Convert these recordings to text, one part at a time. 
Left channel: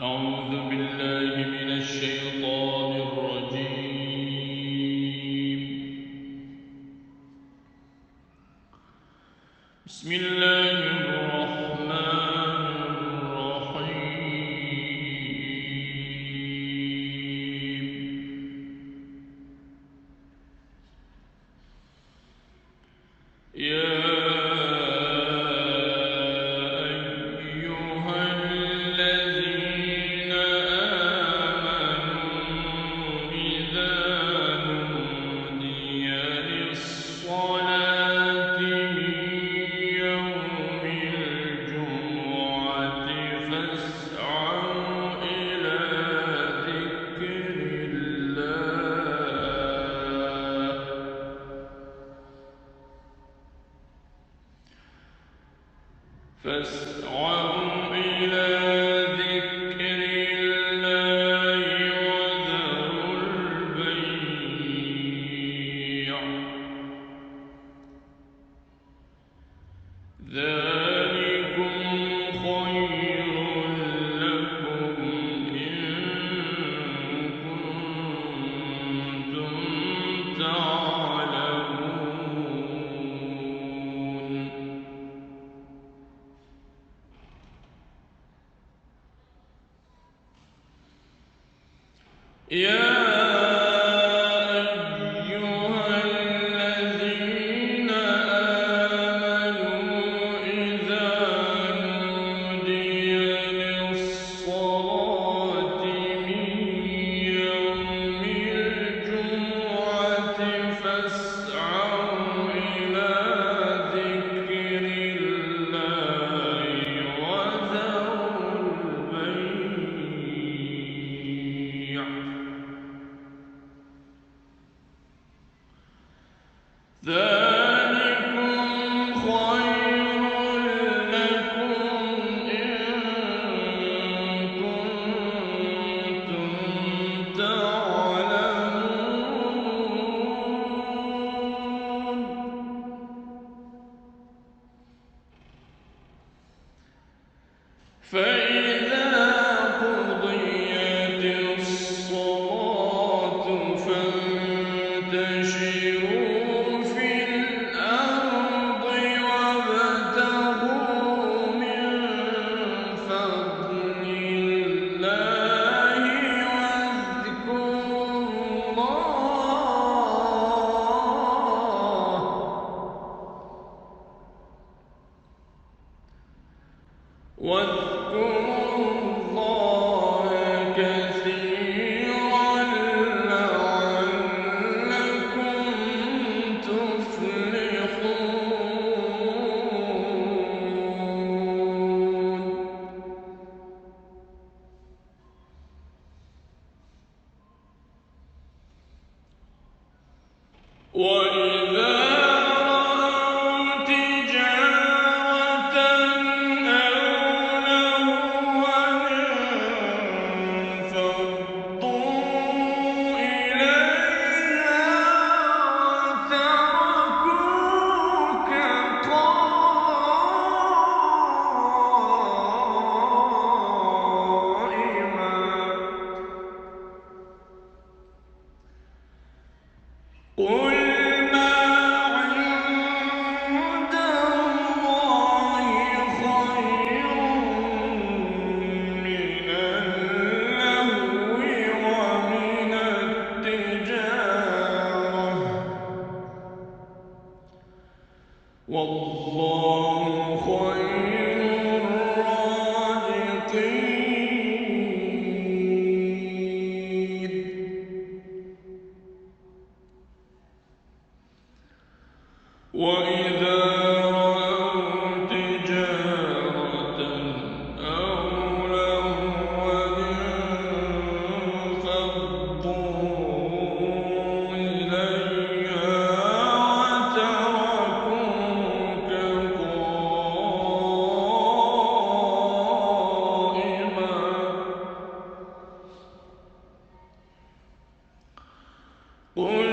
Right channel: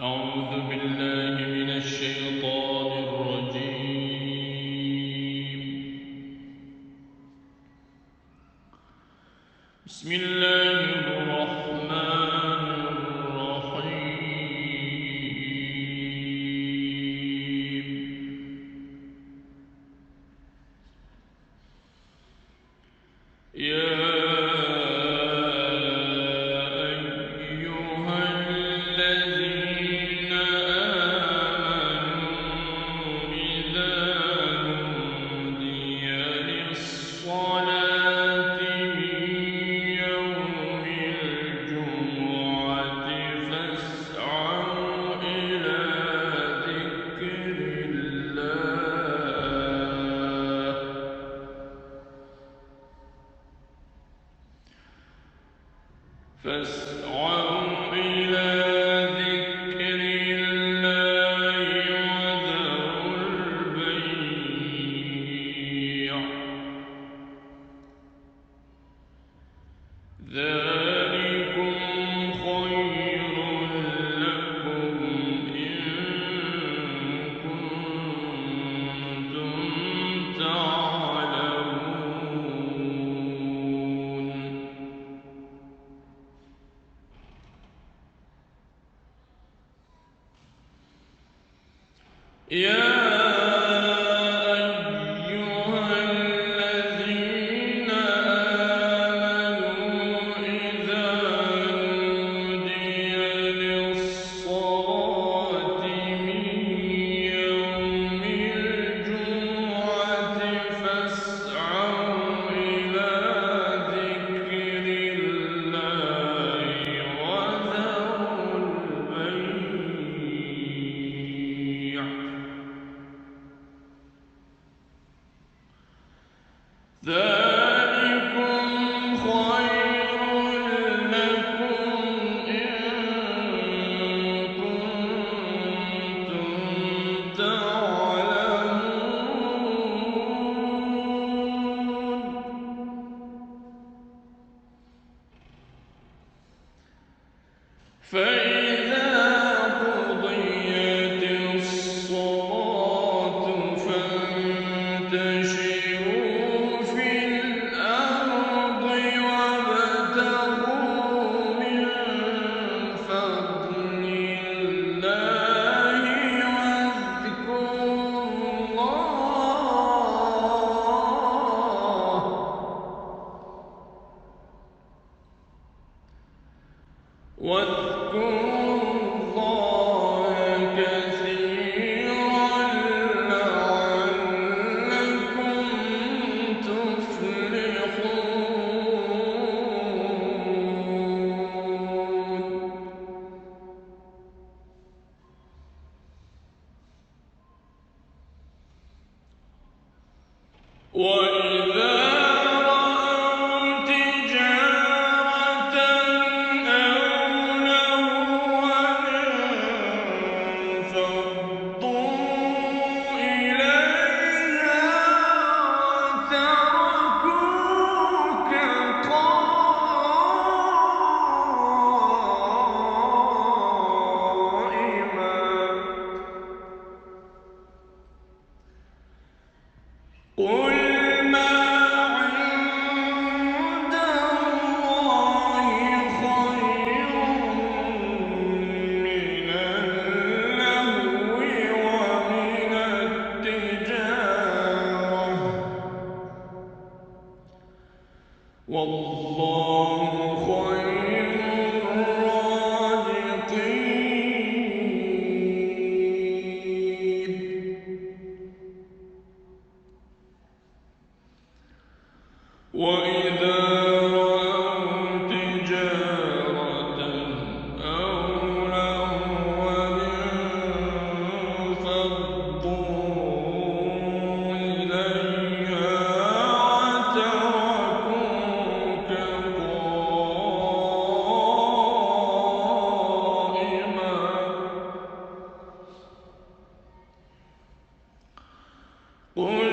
أعوذ بالله من الشيطان الرجيم. بسم الله الرحمن الرحيم. يا أيها الذين آمنوا إذا نودي للصلاة من يوم الجمعة فاسعوا إلى ذكر الله وذروا البيع ذلكم خير لكم إن كنتم تعلمون. يا أيها الذين آمنوا إذا نودي للصلاة من يوم الجمعة فاسعوا إلى ذكر الله وذروا البيع ذلكم خير لكم إن كنتم تعلمون. فإذا قضيت الصلاة فانتشروا في الأرض وابتغوا من فضل الله واذكروا الله كثيرا لعلكم تفلحون. وإذا رأوا تجارة أو لهوا انفضوا إليها وتركوك قائما. قل ما عند الله خير من اللهو ومن التجارة والله خير الرازقين. وإذا رأوا تجارة أو لهوا انفضوا إليها وتركوك قائما. قل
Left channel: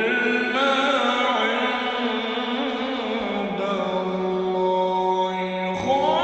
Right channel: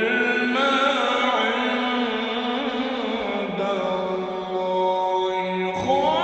ما عند الله خير